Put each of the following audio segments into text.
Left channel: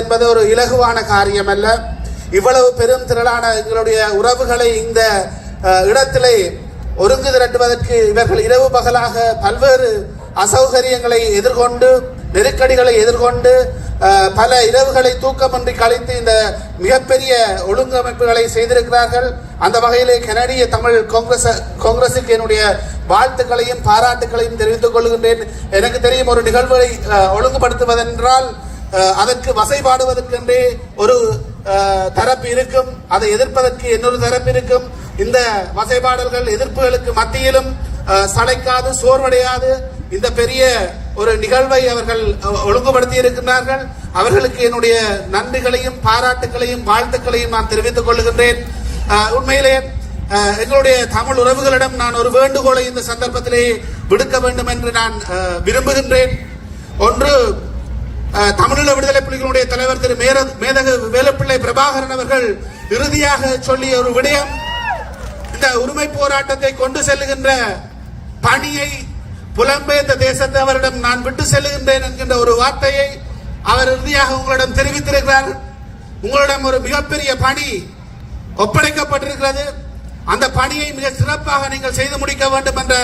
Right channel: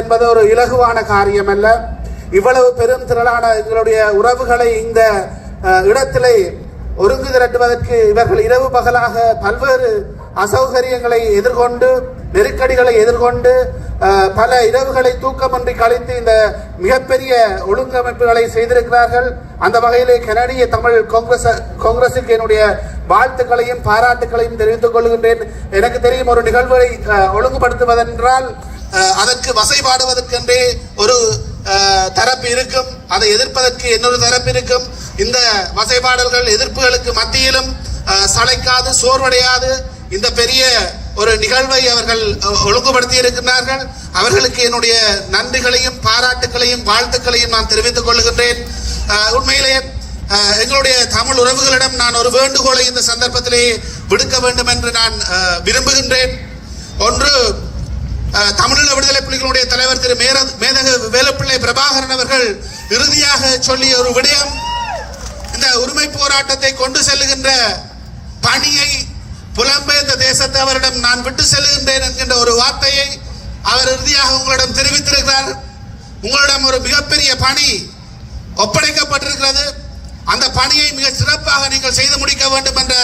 என்பது ஒரு இலகுவான காரியம் அல்ல. இவ்வளவு பெரும் திரளான எங்களுடைய உறவுகளை இந்த இடத்திலே ஒருங்கு திரட்டுவதற்கு இவர்கள் இரவு பகலாக பல்வேறு அசௌகரியங்களை எதிர்கொண்டு, நெருக்கடிகளை எதிர்கொண்டு, பல இரவுகளை தூக்கமின்றி கழித்து இந்த மிகப்பெரிய ஒழுங்கமைப்புகளை செய்திருக்கிறார்கள். அந்த வகையிலே கனடிய தமிழ் காங்கிரசுக்கு என்னுடைய வாழ்த்துக்களையும் பாராட்டுகளையும் தெரிவித்துக் கொள்கின்றேன். எனக்கு தெரியும், ஒரு நிகழ்வை ஒழுங்குபடுத்துவதென்றால் அதற்கு வசைபாடுவதற்கென்றே ஒரு தரப்பு இருக்கும், அதை எதிர்ப்பதற்கு இன்னொரு தரப்பு இருக்கும். இந்த வசைபாடல்கள் எதிர்ப்புகளுக்கு மத்தியிலும் சளைக்காது, சோர்வடையாது இந்த பெரிய ஒரு நிகழ்வை அவர்கள் ஒழுங்குபடுத்தி இருக்கின்றார்கள். அவர்களுக்கு என்னுடைய நன்றிகளையும் பாராட்டுகளையும் வாழ்த்துக்களையும் நான் தெரிவித்துக் கொள்கின்றேன். உண்மையிலே எங்களுடைய தமிழ் உறவுகளிடம் நான் ஒரு வேண்டுகோளை இந்த சந்தர்ப்பத்திலே விடுக்க வேண்டும் என்று நான் விரும்புகின்றேன். ஒன்று, தமிழீழ விடுதலை புலிகளுடைய தலைவர் திரு மேதகு வேலுப்பிள்ளை பிரபாகரன் அவர்கள் இறுதியாக சொல்லிய ஒரு விடயம், இந்த உரிமை போராட்டத்தை கொண்டு செல்லுகின்ற பணியை புலம்பெயர்ந்த தேசத்தவரிடம் நான் விட்டு செல்லுகின்றேன் என்கின்ற ஒரு வார்த்தையை அவர் இறுதியாக உங்களிடம் தெரிவித்திருக்கிறார். உங்களிடம் ஒரு மிகப்பெரிய பணி ஒப்படைக்கப்பட்டிருக்கிறது. அந்த பணியை மிக சிறப்பாக நீங்கள் செய்து முடிக்க வேண்டும் என்ற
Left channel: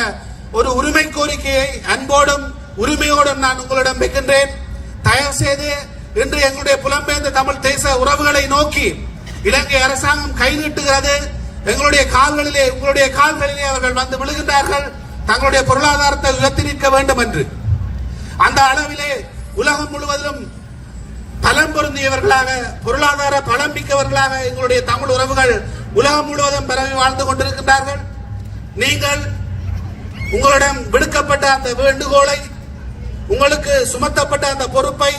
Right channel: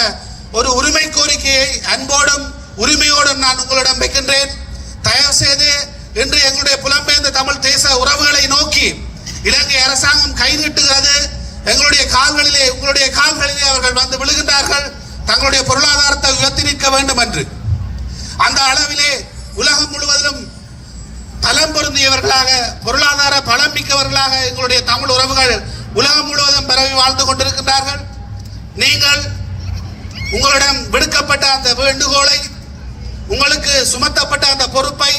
ஒரு உரிமை கோரிக்கையை அன்போடும் உரிமையோடும் நான் உங்களிடம் வைக்கின்றேன். தயவு செய்து இன்று எங்களுடைய புலம்பெயர்ந்த தமிழ் தேச உறவுகளை நோக்கி இலங்கை அரசாங்கம் கை நீட்டுகிறது. எங்களுடைய கால்களிலே, உங்களுடைய கால்களிலே அவர்கள் வந்து விழுகின்றார்கள், தங்களுடைய பொருளாதாரத்தை உயர்த்தி நிற்க வேண்டும் என்று. அந்த அளவிலே உலகம் முழுவதிலும் பலம் பொருந்தியவர்களாக, பொருளாதார பலம் மிக்கவர்களாக எங்களுடைய தமிழ் உறவுகள் உலகம் முழுவதும் பரவி வாழ்ந்து கொண்டிருக்கின்றார்கள். நீங்கள் உங்களிடம் விடுக்கப்பட்ட அந்த வேண்டுகோளை, உங்களுக்கு சுமத்தப்பட்ட அந்த பொறுப்பை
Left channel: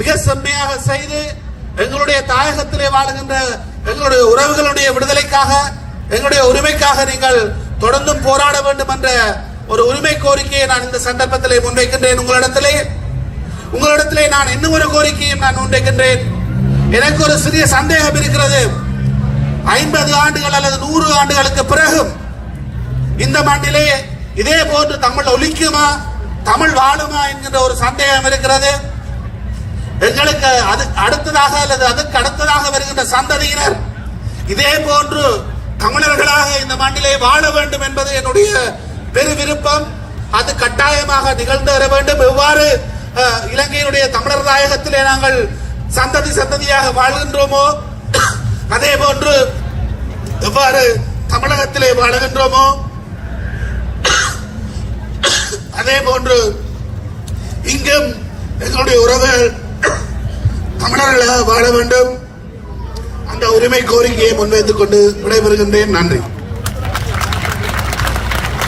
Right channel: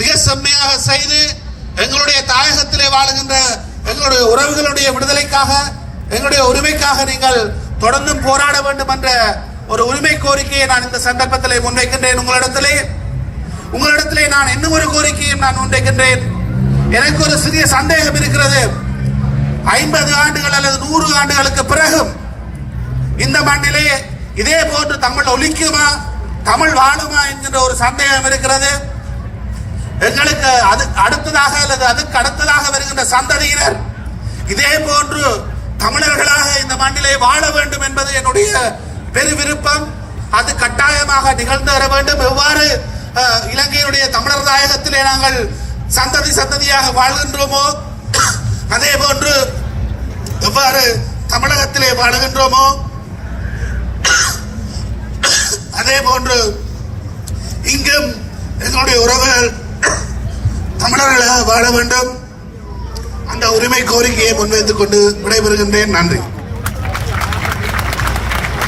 மிக செம்மையாக செய்து எங்களுடைய தாயகத்திலே வாழுகின்ற எங்களுடைய உறவுகளுடைய விடுதலைக்காக, எங்களுடைய உரிமைக்காக நீங்கள் தொடர்ந்து போராட வேண்டும் என்ற ஒரு உரிமை கோரிக்கையை நான் இந்த சந்தர்ப்பத்திலே முன்வைக்கின்றேன். உங்களிடத்திலே நான் இன்னும் ஒரு கோரிக்கையும் நான் முன்வைக்கின்றேன். எனக்கு ஒரு சிறிய சந்தேகம் இருக்கிறது. 50 ஆண்டுகள் அல்லது 100 ஆண்டுகளுக்கு பிறகும் இந்த மண்ணிலே இதே போன்று தமிழ் ஒலிக்குமா, தமிழ் வாழுமா என்கின்ற ஒரு சந்தேகம் இருக்கிறது. எங்களுக்கு அடுத்ததாக அல்லது அதுக்கு அடுத்ததாக வருகின்ற சந்ததியினர் இதே போன்று தமிழர்களாக இந்த மண்ணிலே வாழ வேண்டும் என்பது என்னுடைய பெரு விருப்பம். அது கட்டாயமாக நிகழ்ந்து வர வேண்டும். எவ்வாறு இலங்கையுடைய தமிழர் தாயகத்திலே நாங்கள் சந்ததியாக வாழ்கின்றோமோ, அதே போன்று எவ்வாறு தமிழகத்திலே வாழுகின்றோமோ, அதே போன்று இங்கும் எங்களுடைய உறவுகள் தமிழர்களாக வாழ வேண்டும். அந்த உரிமை கோரிக்கையை முன்வைத்துக் கொண்டு விடைபெறுகின்றேன். நன்றி.